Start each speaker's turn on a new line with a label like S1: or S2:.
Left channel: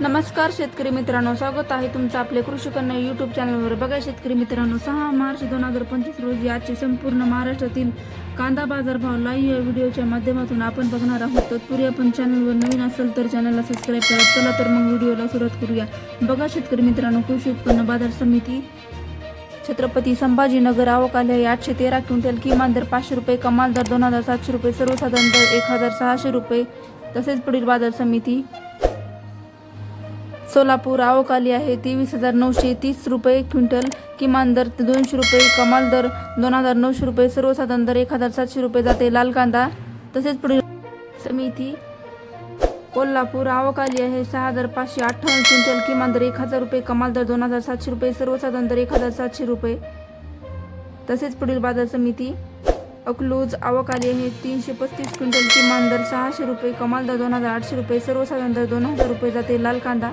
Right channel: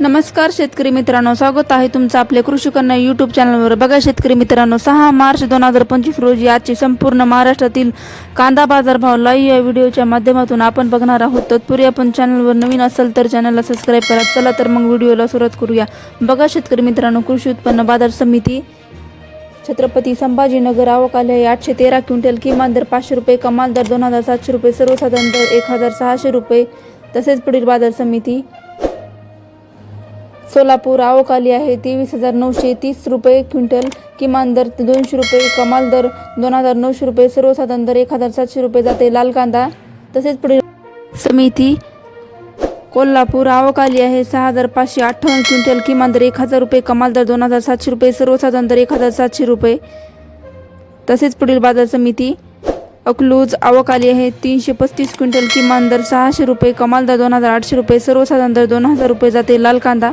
S1: नमस्कार शेतकरी मित्रांनो. स्वागत आहे तुमचं आपले कृषी कन्या यूट्यूब चॅनलवर बघा शेतकरी मित्रांनो सहा मार्च दोन हजार पंचवीस रोजी आजची संपूर्ण महाराष्ट्रातील कांदा बाजारभाव लाईव्ह या व्हिडिओच्या माध्यमातून आपण बघणार आहोत. तत्पूर्वी आपण चॅनलवर नवीन असेल तर चॅनलला सबस्क्राईब करा. चला तर मग व्हिडिओला सुरुवात करूया. बघा शेतकरी मित्रांनो कृषी उत्पन्न बाजार समिती छत्रपती संभाजीनगर आवक आहे. आठशे तेरा क्विंटल किमान दर पाचशे रुपये कमाल दर दोन हजार सातशे रुपये सर्वसाधारण दर एक हजार सहाशे रुपये. तसेच पुढील बाजार समिती सोलापूर आवकाली आहे. तेवीस हजार नऊशे तीस रुपये क्विंटल. किमान दर दोनशे रुपये कमाल दर दोन हजार नऊशे रुपये. सर्वसाधारण दर एक हजार सातशे रुपये जाते. लाल कांदा तसेच पुढील समिती कोल्हापूर आवक आली आहे. सहा हजार पाचशे अठ्ठावन्न क्विंटल. किमान दर एक हजार रुपये कमाल दर दोन हजार सातशे रुपये. सर्वसाधारण दर एक हजार सातशे रुपये. तसेच पुढील बाजार समिती अकलूज आवक आली आहे. तीनशे पस्तीस क्विंटल. किमान दर सहाशे रुपये कमाल दर दोन हजार आठशे रुपये. सर्वसाधारण दर दोन हजार रुपये जाते. लाल कांदा